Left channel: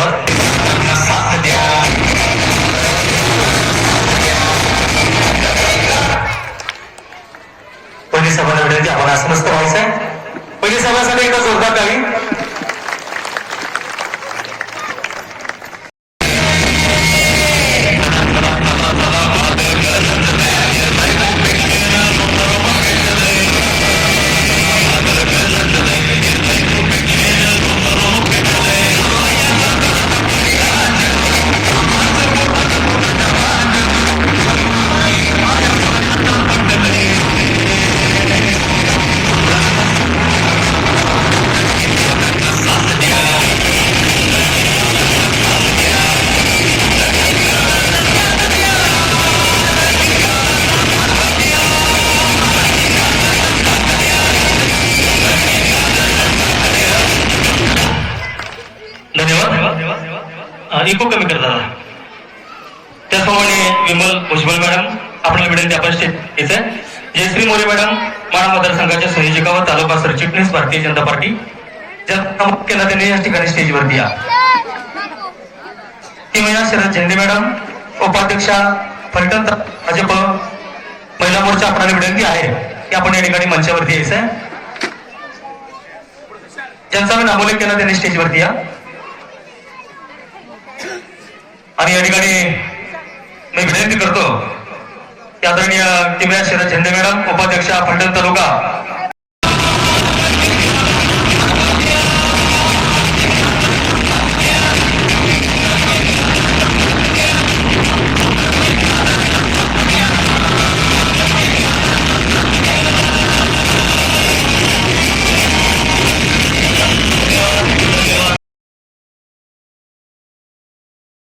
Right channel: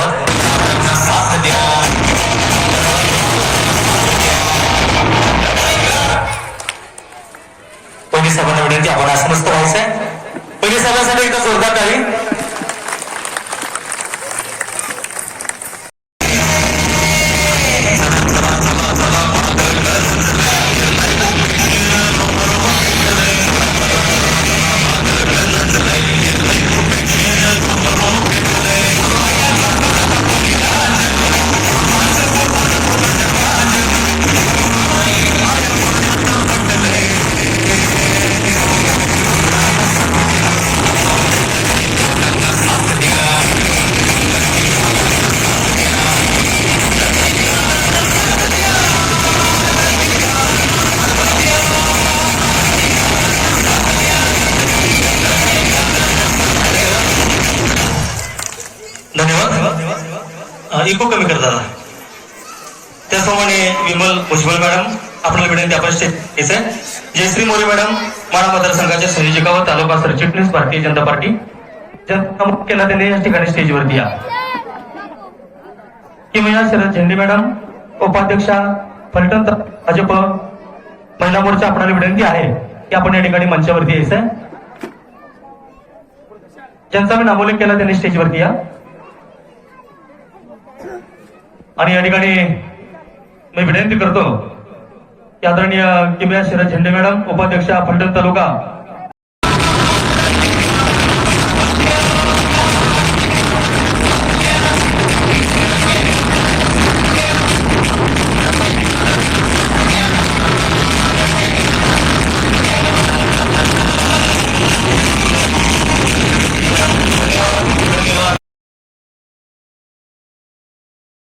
साथ द्या पोलीस सभांना विनंती आपण अस्वस्थ पहिली पोलीस सभासाठी एकदा जोरदार काही धन्यवाद. इको कमी कर दादा त्याचप्रमाणे विमल भुजबळ मॅडम आपल्याला विनंती आपण स्टेज जयश्री मोरे मॅडम माळा मतदारसंघाच्या संयोजिका व तालुका सरचिटणीस भारतीय जनता पार्टी. ज्यांना त्यांनी या ठिकाणी स्टेजवरती या ती महिला शरद झेंडे मॅडम उपाध्यक्षा फलटण भाजप महिला मोर्चा आपल्याला विनंती आहे. की आपण या ठिकाणी मंचावरती यायचं ज्यांचा मी नामोल्लेख केला त्यांनी स्टेजवरती या आणि या ठिकाणी मी विनंती करतो की आदरणीय किमया शरद झेंडे मॅडम उपाध्यक्षा फलटण तालुका